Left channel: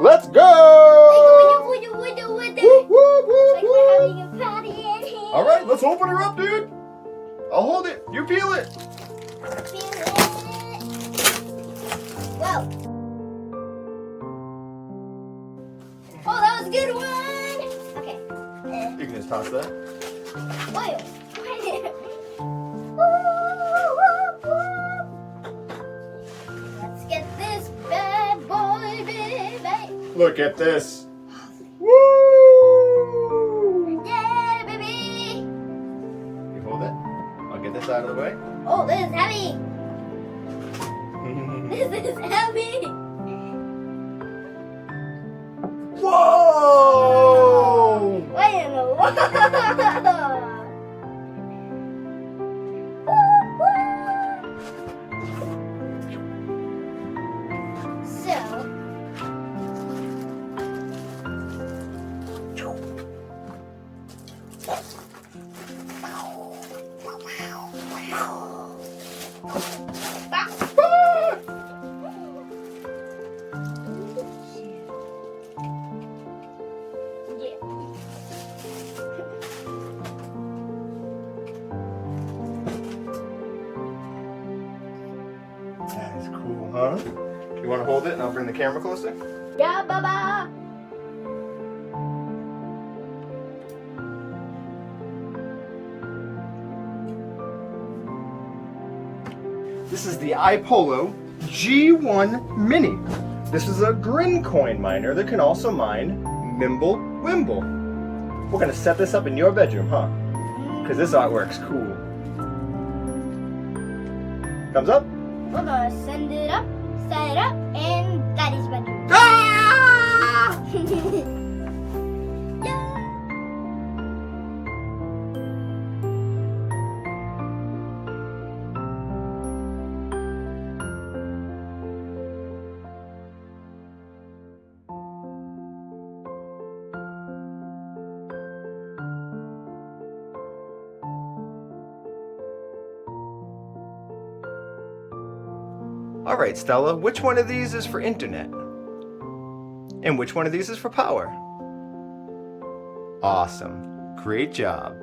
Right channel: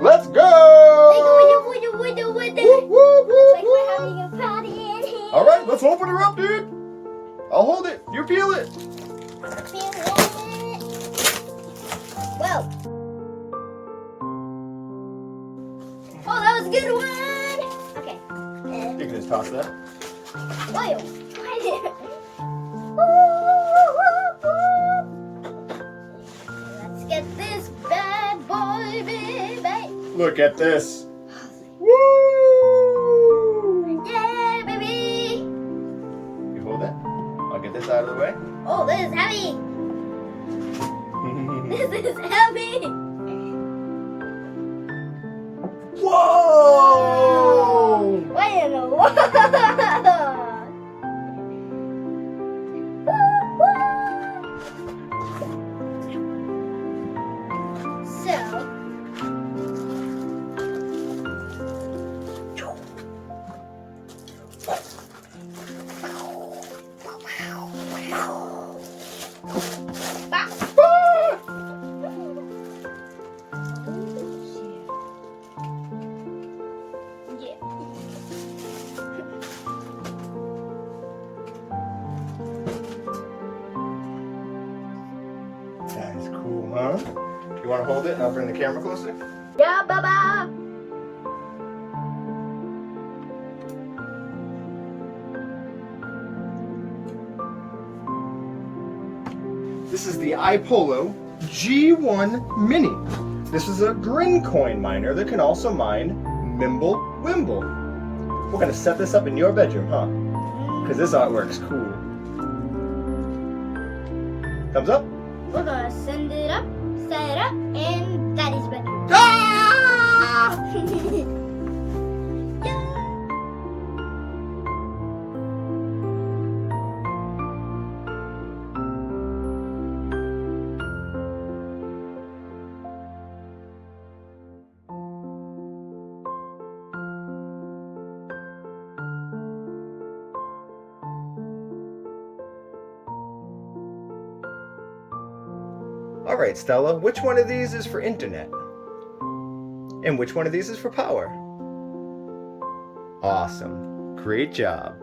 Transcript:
Let's go! All right, let's open her up, dude. I'll hold it. You peel it. Whoa. Oh, that was a good one. Okay. You can just toss that. Whoa. Let's get this bad boy, baby. Look at this. Woo! Yeah, baby. You hold it. I'll get this out of the way. Oh, this is heavy. This is heavy. Whoa! Wait in the world. So, That is cool, huh? Do you want to hold it and I'll bring the camera closer? yeah, baba. This is the iPollo G1 Mini. This is a green coin miner that can also mine Mimble Wimble. We're gonna set this up in your bedroom, huh? Because this artwork's cool. Thumbs up? We're gonna send it up, set it up, in Daddy's bedroom. Ah! Yeah. All right, Stella, which one of these is for internet? And which one of these is for power? Awesome. Great job.